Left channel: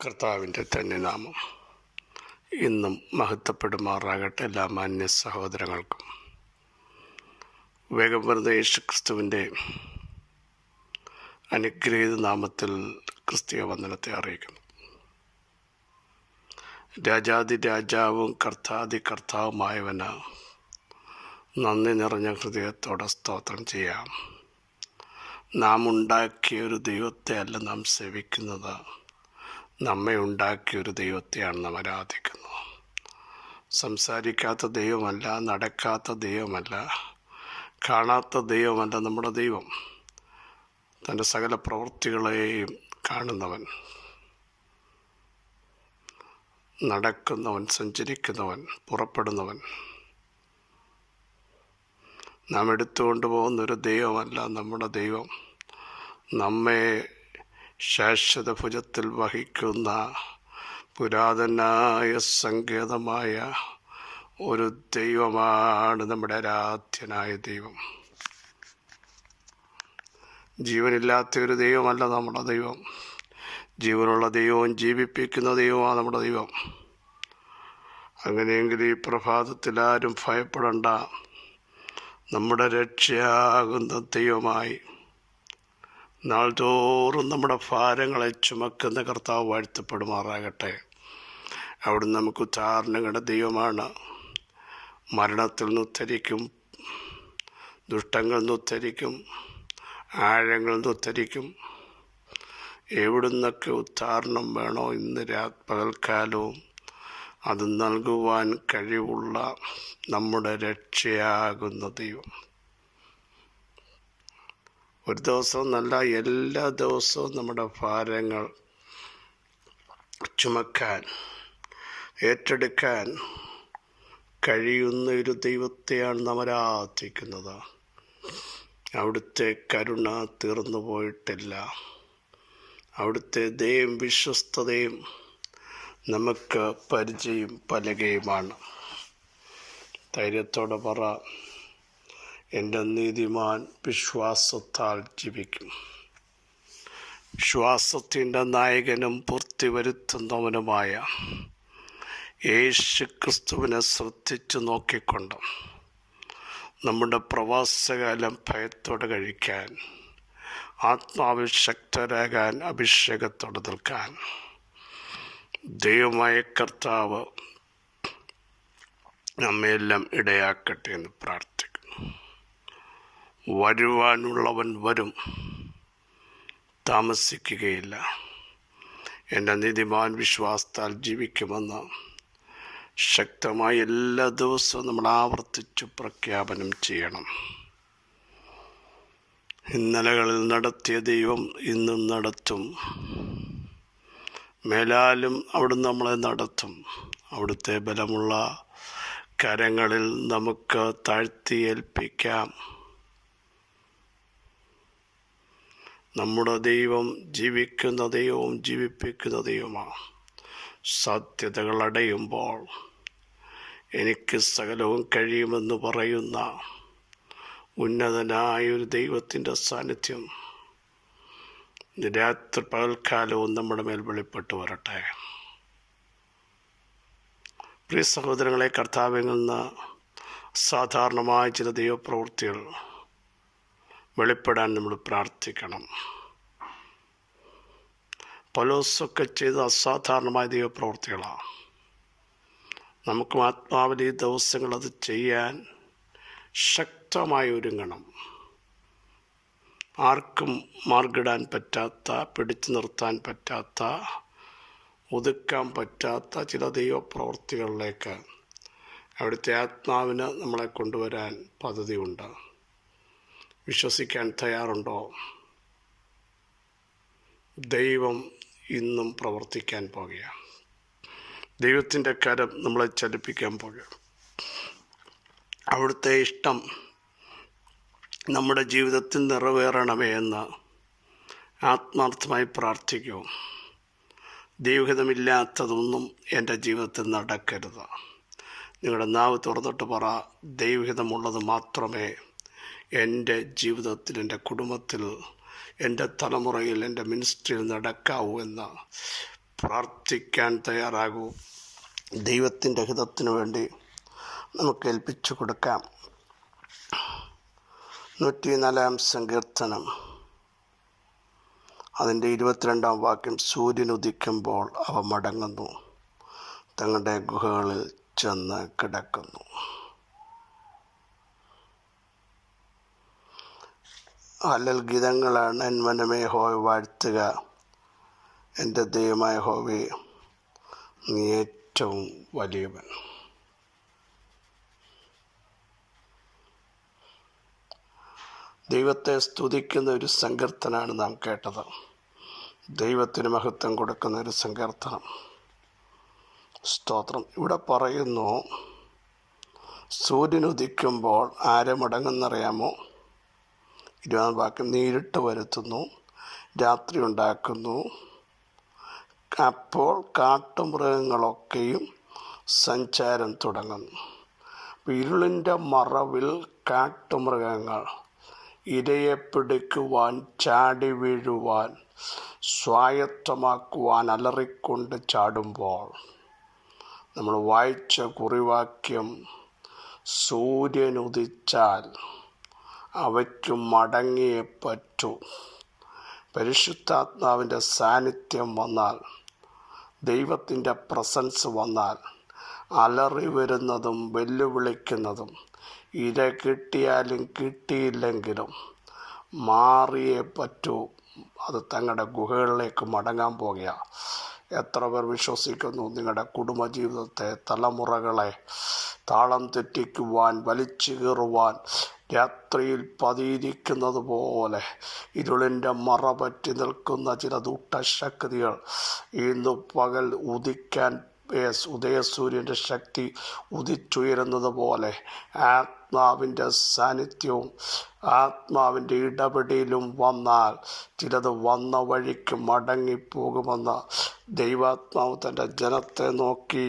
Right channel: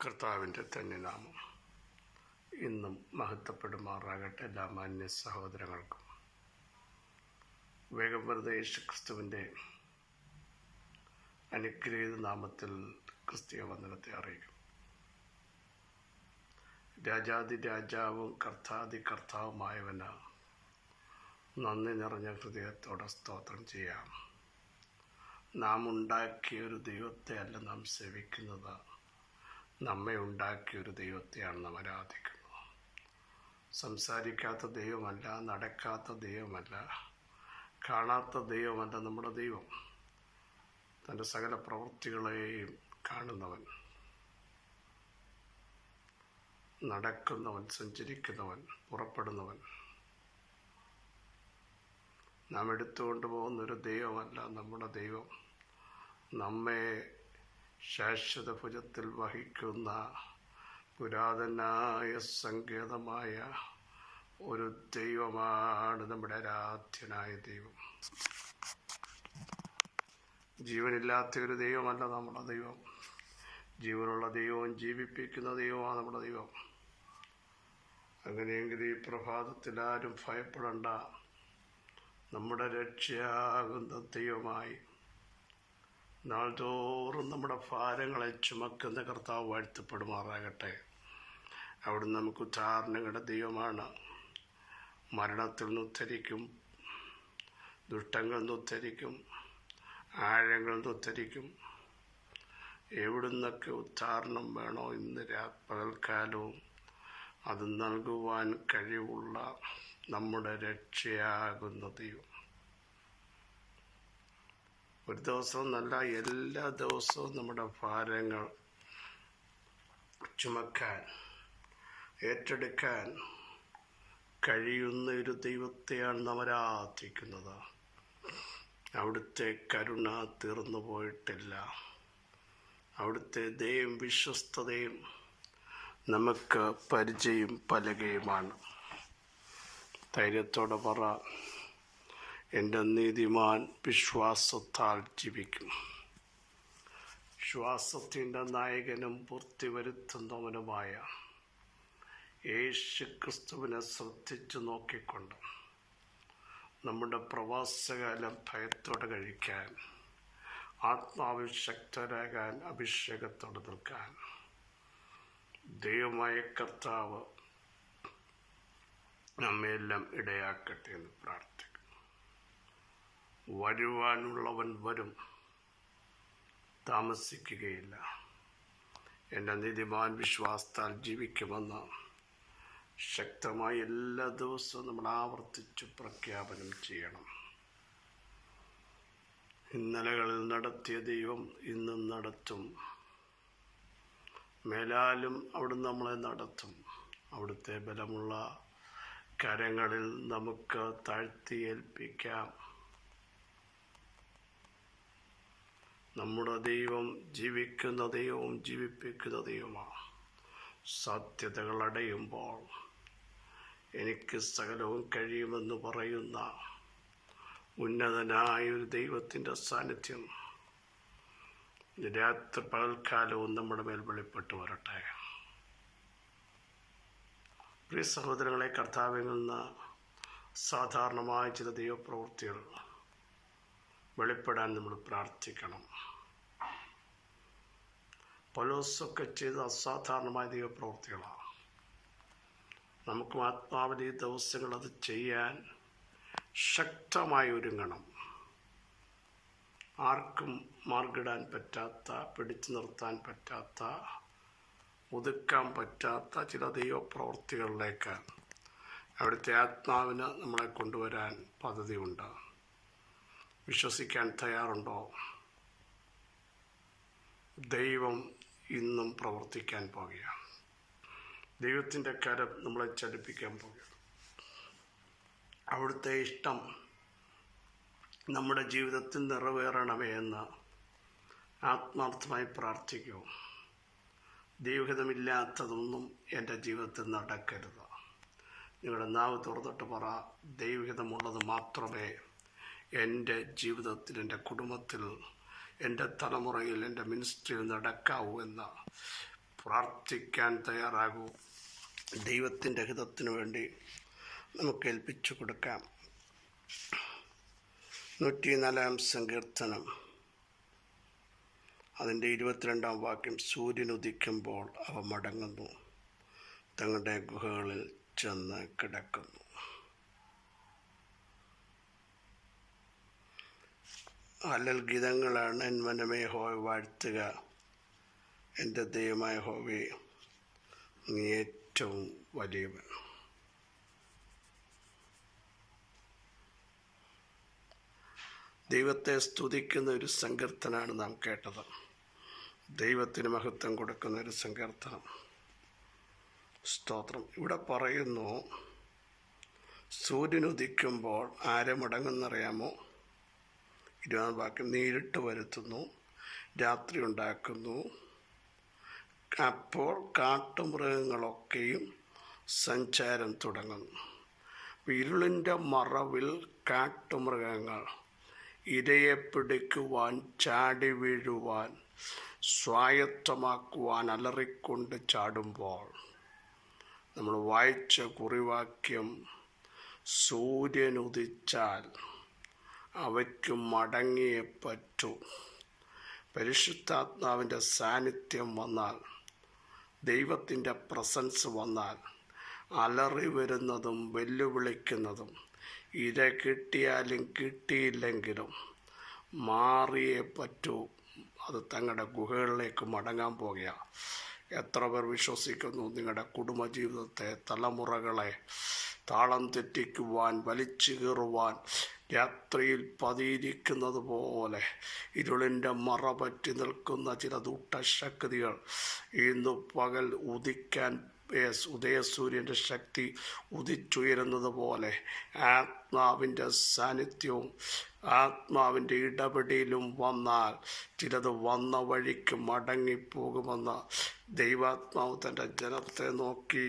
കർത്താവിൻ്റെ തന്നെ നാമം ഇന്നും മഹത്വപ്പെടുമാറാകട്ടെ. എല്ലാ മാന്യ സഹോദരങ്ങൾക്കും വേഗം വരുന്ന യേശുക്രിസ്തുവിൻ്റെ അനുഗ്രഹീത നാമത്തിൽ ക്രിസ്തീയ വന്ദനത്തെ അറിയിക്കുന്നു. രാജാതി രാജാവും കർത്താതി കർത്താവുമായവന് നന്ദി നിറഞ്ഞ ഹൃദയത്തോടെ സ്തോത്രം ചെയ്യാം. നാം ഉണ്ടാക്കിയൊരു ദൈവത്തെ അല്ല നാം സേവിക്കുന്നത്, നമ്മെ ഉണ്ടാക്കിയൊരു ദൈവത്തെയാണ് നാം ആരാധിക്കുന്നത്. സംസാരിക്കാത്ത ദൈവമല്ല, നടക്കാത്ത ദൈവമല്ല, കാണാത്ത ദൈവമല്ല നമ്മുടെ ദൈവം. തൻ്റെ സകല പ്രവൃത്തികളെയും കാണുന്നവൻ, നടക്കുന്നവൻ, സഞ്ചരിക്കുന്നവൻ, പുറപ്പെടുന്നവൻ. നാം എടുത്തുകൊണ്ട് പോകുന്നൊരു ദൈവമല്ല നമ്മുടെ ദൈവം. നമ്മെ ശാശ്വത ഭുജത്തിൽ വഹിക്കുന്ന പുരാതനായ സങ്കേതമായ ഒരു ദൈവമാണ് നമ്മുടെ ആരാധ്യനായ ദൈവം. ജീവനില്ലാത്ത ഒരു ദൈവമല്ല നമ്മുടെ ദൈവം. ജീവനുള്ള ദൈവവും ജീവിപ്പിക്കുന്ന ദൈവമാണ് നമ്മുടെ ദൈവം. അങ്ങനെയെങ്കിൽ ഈ പ്രഭാതത്തിൽ ആരും ഭയപ്പെടേണ്ട. നമ്മുടെ രക്ഷയാകുന്ന ദൈവമായി നാൾതോറും നമ്മുടെ ഭാരങ്ങളെ ചുമക്കുന്ന കർത്താവ് വാഴ്ത്തപ്പെടുമാറാകട്ടെ. അവിടുന്ന് നമുക്ക് ഉദ്ധാരണങ്ങളുടെ ദൈവമാണ്. മരണത്തിൽ നിന്ന് ഉദ്ധരിക്കും, ദുഷ്ടങ്ങളിൽ നിന്ന് ഉദ്ധരിക്കും, ആഴങ്ങളിൽ നിന്ന് ഉദ്ധരിക്കും. എവിടുന്നൊക്കെ ഉദ്ധാരണം വേണോ ഇന്ന് പകൽക്കാലവും അത് നൽകുവാൻ കഴിവുള്ള നമ്മുടെ രക്ഷയാകുന്ന ദൈവം. ഒരു ദിവസവും നല്ല, എല്ലാ ദിവസവും നമ്മുടെ ഭാരങ്ങൾ ചുമക്കാൻ, ഏറ്റെടുക്കാൻ കഴിയുന്ന ഒരു ദൈവത്തെയാണ് നാം ആരാധിക്കുന്നത്. അവിടുത്തെ കരുണ തീർന്നു പോയിട്ടില്ല. അവിടുത്തെ ദയയും വിശ്വസ്തതയും നമുക്ക് പരിചയം പലകയുമാണ്. ധൈര്യത്തോടെ പറ, എൻ്റെ നീതിമാൻ വിശ്വാസത്താൽ ജീവിക്കും. വിശ്വാസത്തിൻ്റെ നായകനും പൂർത്തി വരുത്തുന്നവനുമായ യേശുക്രിസ്തുവിനെ ശ്രദ്ധിച്ചു നോക്കിക്കൊണ്ട് നമ്മുടെ പ്രവാസകാലം ഭയത്തോടെ കഴിക്കാൻ, ആത്മാവിൽ ശക്തരാകാൻ, അഭിഷേകത്തോടെ നിൽക്കാൻ ദൈവമായ കർത്താവ് നമ്മയെല്ലാം ഇടയാക്കട്ടെ എന്ന് പ്രാർത്ഥിക്കുന്നു. വരുവാനുള്ളവൻ വരും, താമസിക്കുകയില്ല. എൻ്റെ നീതിമാൻ വിശ്വാസത്താൽ ജീവിക്കുമെന്ന് ശക്തമായി എല്ലാ ദിവസവും നമ്മൾ ആവർത്തിച്ചു പ്രഖ്യാപനം ചെയ്യണം. ഇന്നലകളിൽ നടത്തിയ ദൈവം ഇന്നും നടത്തും. മേലാലും അവിടുന്ന് നമ്മളെ നടത്തും. അവിടുത്തെ ബലമുള്ള കരങ്ങളിൽ നമുക്ക് താഴ്ത്തി ഏൽപ്പിക്കാം. നമ്മുടെ ദൈവം ജീവിക്കുന്ന ദൈവവും ജീവിപ്പിക്കുന്ന ദൈവമാണ്. സാധ്യതകൾ അടയുമ്പോൾ എനിക്ക് സകലവും കഴിയുമെന്ന് പറയുന്ന ഉന്നതനായൊരു ദൈവത്തിൻ്റെ സാന്നിധ്യം രാത്രി പകൽക്കാലവും നമ്മുടെ മേൽ വെളിപ്പെട്ടു വരട്ടെ. പ്രിയ സഹോദരങ്ങളെ, കർത്താവിൽ നിന്ന് സാധാരണമായ ചില ദൈവപ്രവൃത്തികൾ വെളിപ്പെടാൻ നമ്മൾ പ്രാർത്ഥിക്കണം. പൗലോസൊക്കെ ചെയ്ത അസാധാരണമായ ദൈവപ്രവൃത്തികളാണ്. നമുക്കും ആത്മാവിൽ ഈ ദിവസങ്ങൾ അത് ചെയ്യാൻ ശക്തമായി ഒരുങ്ങണം. ആർക്കും മാർഗിടാൻ പറ്റാത്ത, പിടിച്ചു നിർത്താൻ പറ്റാത്ത, ഒതുക്കാൻ പറ്റാത്ത ചില ദൈവപ്രവൃത്തികളിലേക്ക് അവിടുത്തെ ആത്മാവിന് നമ്മളെ കൊണ്ടുവരാൻ പദ്ധതിയുണ്ട്. വിശ്വസിക്കാൻ തയ്യാറുണ്ടോ? ദൈവം ഇന്നും പ്രവർത്തിക്കാൻ പോകുകയാണ്. ദൈവത്തിൻ്റെ കരം നമ്മളെ ചലിപ്പിക്കാൻ പോകുകയാണ്. അവിടുത്തെ ഇഷ്ടം നമ്മുടെ ജീവിതത്തിൽ നിറവേറണമേ എന്ന് ആത്മാർത്ഥമായി പ്രാർത്ഥിക്കൂ. ദൈവഹിതമില്ലാത്തതൊന്നും എൻ്റെ ജീവിതത്തിൽ നടക്കരുത്. നിങ്ങളുടെ നാവ് തുറന്നിട്ട് പറ, ദൈവഹിതമുള്ളത് മാത്രമേ എൻ്റെ ജീവിതത്തിൽ, എൻ്റെ കുടുംബത്തിൽ, എൻ്റെ തലമുറയിൽ, എൻ്റെ മിനിസ്ട്രിയിൽ നടക്കാവൂ എന്ന് പ്രാർത്ഥിക്കാൻ തയ്യാറാകൂ. ദൈവത്തിൻ്റെ ഹിതത്തിനു വേണ്ടി നമുക്ക് ഏൽപ്പിച്ചു കൊടുക്കാം. 104 സങ്കീർത്തനം അതിൻ്റെ 22 വാക്യം, സൂര്യൻ ഉദിക്കുമ്പോൾ അവ മടങ്ങുന്നു, തങ്ങളുടെ ഗുഹകളിൽ ചെന്ന് കിടക്കുന്നു. ഹല്ലേൽ ഗീതങ്ങളാണ്. എൻ മനമേ യഹോവയെ വാഴ്ത്തുക, എൻ്റെ ദൈവമായ യഹോവേ, നീ ഏറ്റവും വലിയവൻ. ദൈവത്തെ സ്തുതിക്കുന്ന ഒരു സങ്കീർത്തനമാണ് നാം കേട്ടത്. ദൈവത്തിന് മഹത്വം കൊടുക്കുന്ന ഒരു സങ്കീർത്തനം. സ്തോത്രം. ഇവിടെ പറയുന്നു, സൂര്യൻ ഉദിക്കുമ്പോൾ ആരെ മടങ്ങുന്നറിയാമോ? 20 വാക്യം, നീ ഇരുട്ട് വരുത്തുന്നു, രാത്രി ഉണ്ടാക്കുന്നു, അപ്പോൾ കാട്ടുമൃഗങ്ങളൊക്കെയും സഞ്ചാരം തുടങ്ങുന്നു. ഇരുളിൻ്റെ മറവിൽ കാട്ടുമൃഗങ്ങൾ ഇരയെ പിടിക്കുവാൻ, ചാടി വീഴുവാൻ, സ്വായത്തമാക്കുവാൻ അലറിക്കൊണ്ട് ചാടുമ്പോൾ നമ്മൾ വായിച്ച കുറിവാക്യം, സൂര്യൻ ഉദിച്ചാൽ അവയ്ക്ക് മടങ്ങിയേ പറ്റൂ. പരിശുദ്ധാത്മാവിൻ്റെ സാന്നിധ്യം വന്നാൽ, ദൈവത്തിൻ്റെ പ്രസൻസ് വന്നാൽ, അലറി വരുന്നതും വെല്ലുവിളിക്കുന്നതും ഇര കിട്ടിയാലും കിട്ടിയില്ലെങ്കിലും മാറിയേ പറ്റൂ. അത് തങ്ങളുടെ ഗുഹകളിലേക്ക് മടങ്ങാൻ പോകുക. എത്ര പേർ വിശ്വസിക്കുന്നു? നിങ്ങളുടെ കുടുംബജീവിതത്തെ, തലമുറകളെ താളം തെറ്റിക്കുവാൻ, വലിച്ചു കീറുവാൻ രാത്രിയിൽ പതിയിരിക്കുന്നത് പോലെ ഇരുളിൻ്റെ മറ പറ്റി നിൽക്കുന്ന ചില ദുഷ്ടശക്തികൾ ഇന്ന് പകൽ ഉദിക്കാൻ, ഉദയസൂര്യൻ്റെ ശക്തി ഉദിച്ചുയരുന്നത് പോലെ ആത്മാവിൻ്റെ സാന്നിധ്യവും ആത്മാവിൻ്റെ ഇടപെടലും വന്നാൽ ചിലത് വന്ന വഴിക്ക് മടങ്ങിപ്പോകുമെന്ന് ദൈവാത്മാവ് തൻ്റെ ജനത്തെ നോക്കി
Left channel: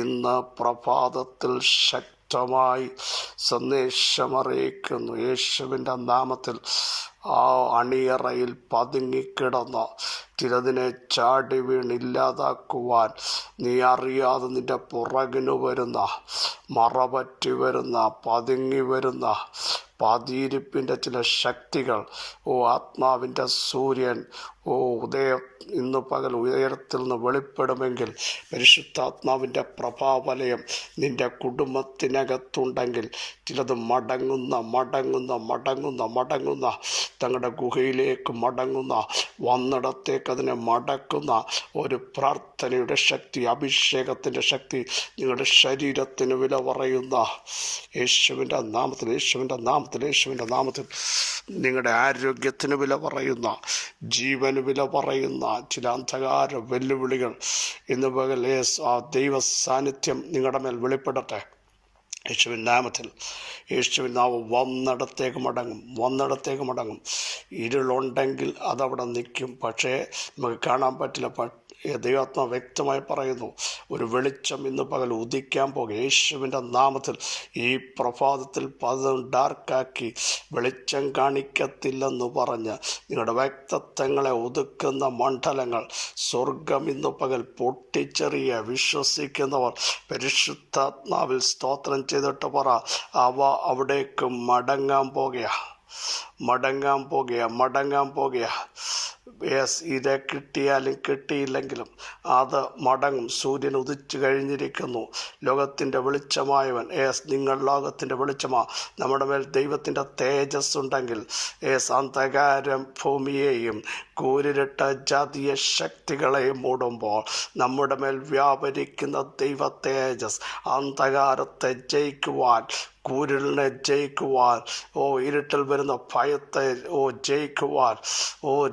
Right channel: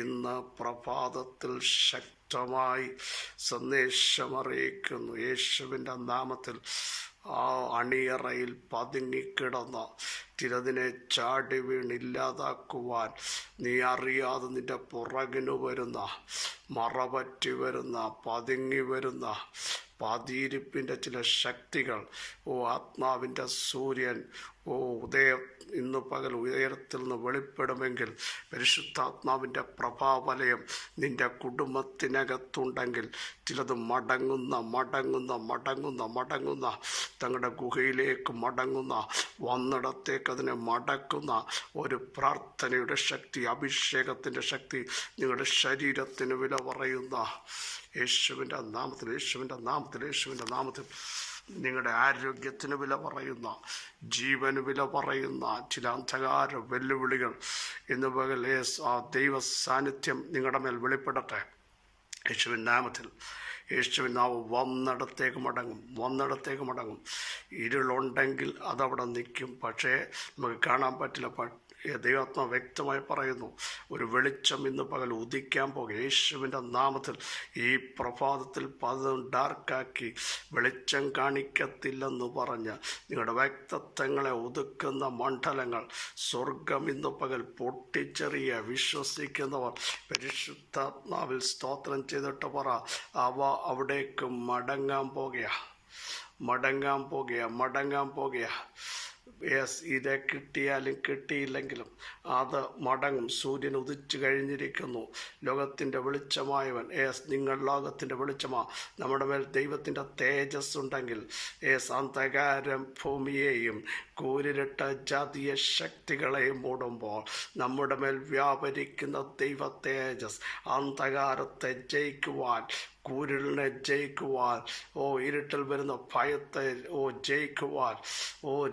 ഇന്ന് പ്രഭാതത്തിൽ ശക്തമായി സന്ദേശമറിയിക്കുന്നു. യേശുവിൻ്റെ നാമത്തിൽ ആ അണിയറയിൽ പതുങ്ങിക്കിടന്ന് ചിലതിനെ ചാടി വീണില്ലാതാക്കുവാൻ നീ അറിയാതെ നിൻ്റെ പുറകിന് വരുന്ന, മറപറ്റി വരുന്ന, പതുങ്ങി വരുന്ന പതിയിരിപ്പിൻ്റെ ചില ശക്തികൾ, ആത്മാവിൻ്റെ സൂര്യൻ ഇന്ന് പകൽ ഉയരത്തിൽ നിന്ന് വെളിപ്പെടുമെങ്കിൽ, പരിശുദ്ധാത്മാവിൻ്റെ പ്രഭാവലയം നിൻ്റെ കുടുംബത്തിനകത്തുണ്ടെങ്കിൽ ചിലത് മടങ്ങുന്ന തങ്ങളുടെ ഗുഹയിലേക്ക് മടങ്ങുന്ന, വന്നിടത്തേക്ക് അതിനെ മടക്കുന്ന ഒരു പ്രാർത്ഥനയുടെ ശക്തി, അഭിഷേകത്തിൻ്റെ ശക്തി നിങ്ങളുടെ ശരീരത്തിന് വില പറയുന്ന യേശുവിൻ്റെ നാമത്തിൽ നിങ്ങളുടെ ആരോഗ്യത്തിന് വില പറയുന്ന, ജീവന് വില പറയുന്ന ചില അന്ധകാര വെല്ലുവിളികൾ ഇന്ന് പകൽ ആ ദൈവ സാന്നിധ്യം നിങ്ങളുടെ മേൽ വെളിപ്പെടട്ടെ. യേശുവിൻ നാമത്തിൽ. യേശുവിൻ നാമം വന്നിടത്തേക്ക് മടങ്ങും. ഇരുളുണ്ടെങ്കിൽ അതവിടെ നിൽക്കും, പക്ഷേ നമുക്ക് കാണാൻ പറ്റില്ല. ദൈവാത്മാ വ്യക്തമായി പറയുന്നു, ഒരു വെളിച്ചം ഇന്ന് പകൽ ഉദിക്കാൻ പോകും. യേശുവിൻ്റെ നാമത്തിൽ ഈ പ്രഭാതത്തിൽ പലതും ഡാർക്കാക്കി വെളിച്ചം കാണിക്കത്തില്ലെന്ന് പറഞ്ഞ് നിങ്ങളുടെ വ്യക്തിത്വങ്ങളെ ഒതുക്കുന്ന മണ്ഡലങ്ങൾ സ്വർഗം ഇന്ന് പകൽ പൊട്ടിച്ചെറിയ വിശ്വസിക്കുന്നവർ പരിശുദ്ധാത്മാവിൽ സ്തോത്രം ചെയ്തിട്ട് പറ, അവ അവിടേക്ക് മടങ്ങാൻ പോകുക. ഇര കിട്ടിയാലും കിട്ടിയില്ലെങ്കിലും അത് മടങ്ങും. സൂര്യൻ ഉദിച്ചു കഴിഞ്ഞിരിക്കുന്നു. ലോകത്തിൻ്റെ വെളിച്ചമായവൻ, നിങ്ങൾ ലോകത്തിൻ്റെ വെളിച്ചമാ. നമ്മുടെ മേൽ ദൈവത്തിൻ്റെ തേജസ് ഉണ്ടെങ്കിൽ അന്ധകാരം ഭൂമിയെയും കൂരിരുട്ട ജാതീയ ശക്തികളെയും മൂടുമ്പോൾ നമ്മുടെ മേൽ വ്യാപരിക്കുന്ന ദൈവ തേജസ് അന്ധകാരത്തെ ജയിക്കുവാൻ, കൂരിലിനെ ജയിക്കുവാൻ, ഇരുട്ടിൽ വരുന്ന ഭയത്തെ ജയിക്കുവാൻ,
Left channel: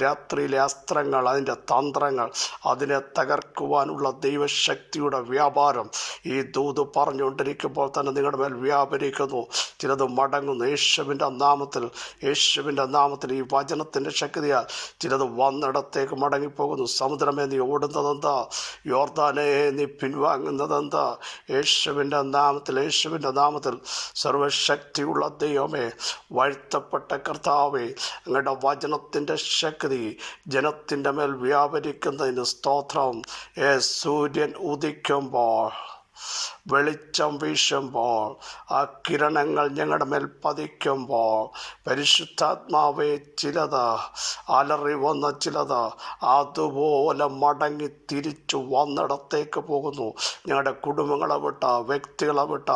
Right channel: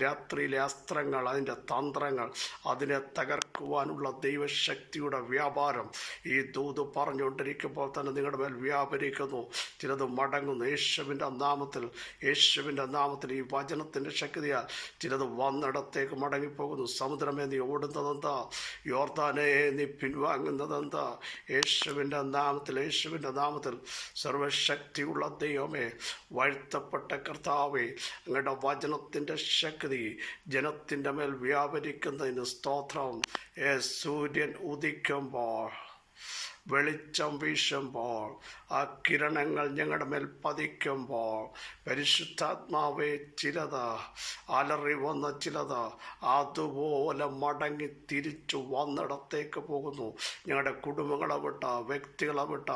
രാത്രിയിലെ അസ്ത്രങ്ങൾ, അതിൻ്റെ തന്ത്രങ്ങൾ, അതിനെ തകർക്കുവാനുള്ള ദൈവശക്തിയുടെ വ്യാപാരം ഈ ദൂത് പറഞ്ഞുകൊണ്ടിരിക്കുമ്പോൾ തന്നെ നിങ്ങളുടെ മേൽ വ്യാപരിക്കുന്നു. ചിലത് മടങ്ങുന്നു. യേശുവിൻ്റെ നാമത്തിൽ ഈ വചനത്തിൻ്റെ ശക്തിയാൽ ചിലത് വന്നിടത്തേക്ക് മടങ്ങിപ്പോകുന്നു. സമുദ്രമേ നീ ഓടുന്നതെന്താ? യോർദാനേ നീ പിൻവാങ്ങുന്നതെന്താ? യേശുവിൻ്റെ നാമത്തിൽ സർവശക്തിയുള്ള ദൈവമേ, വാഴ്ത്തപ്പെട്ട കർത്താവേ, അങ്ങയുടെ വചനത്തിൻ്റെ ശക്തി ജനത്തിൻ്റെ മേൽ വ്യാപരിക്കുന്നതിന് സ്തോത്രം. സൂര്യൻ ഉദിക്കുമ്പോൾ, വെളിച്ചം വീശുമ്പോൾ, ആ കിരണങ്ങൾ ഞങ്ങളുടെ മേൽ പതിക്കുമ്പോൾ, പരിശുദ്ധാത്മാവെ, ചിലത് അലറി വന്ന ചിലത് അതുപോലെ മടങ്ങി തിരിച്ചു വന്നിടത്തേക്ക് പോകുന്നു. ഞങ്ങളുടെ കുടുംബങ്ങളെ വിട്ട, വ്യക്തികളെ വിട്ട,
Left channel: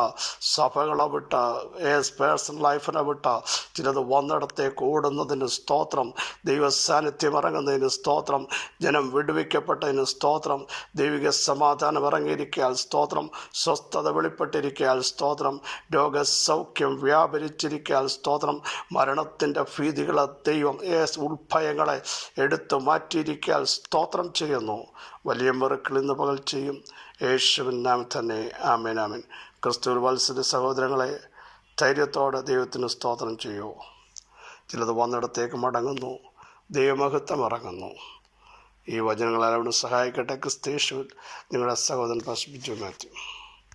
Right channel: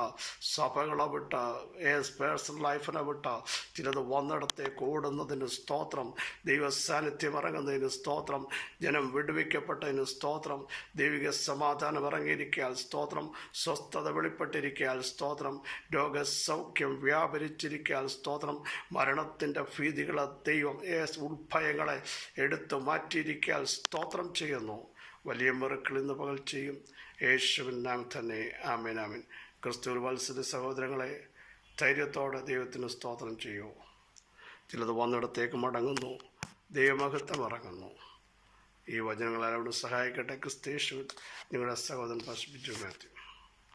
സഭകളെ വിട്ട, പേഴ്സണൽ ലൈഫിനെ വിട്ട ചിലത് വന്നിടത്തേക്ക് ഓടുന്നതിന് സ്തോത്രം. ദൈവസാന്നിധ്യം ഇറങ്ങുന്നതിന് സ്തോത്രം. ജനം വിടുവിക്കപ്പെട്ടതിന് സ്തോത്രം. ദൈവിക സമാധാനം ഇറങ്ങിയിരിക്കാൻ സ്തോത്രം. സ്വസ്ഥത വെളിപ്പെട്ടിരിക്കാൻ സ്തോത്രം. രോഗസൗഖ്യം വ്യാപരിച്ചിരിക്കാൻ സ്തോത്രം. മരണത്തിൻ്റെ ഭീതികളെ ദൈവം ഉൾഭയങ്ങളെ എടുത്തു മാറ്റിയിരിക്കാൻ സ്തോത്രം ചെയ്യുന്നു. വലിയ മിറക്കിൾ ഇന്ന് പകൽ ചെയ്യും. യേശുവിൻ നാമം തന്നെ. ആമേൻ, ആമേൻ. ക്രിസ്തുവിൽ വത്സല സഹോദരങ്ങളെ, ധൈര്യത്തോടെ ദൈവത്തിന് സ്തോത്രം ചെയ്യൂ. ചിലത് വന്നിടത്തേക്ക് മടങ്ങുന്നു. ദൈവമഹത്വം ഇറങ്ങുന്നു. ഈ വചനങ്ങളെല്ലാം സഹായിക്കട്ടെ. ക്രിസ്തയേശുവിൽ നിങ്ങളുടെ സഹോദരൻ പാസ്റ്റർ ബിജു മാത്യു.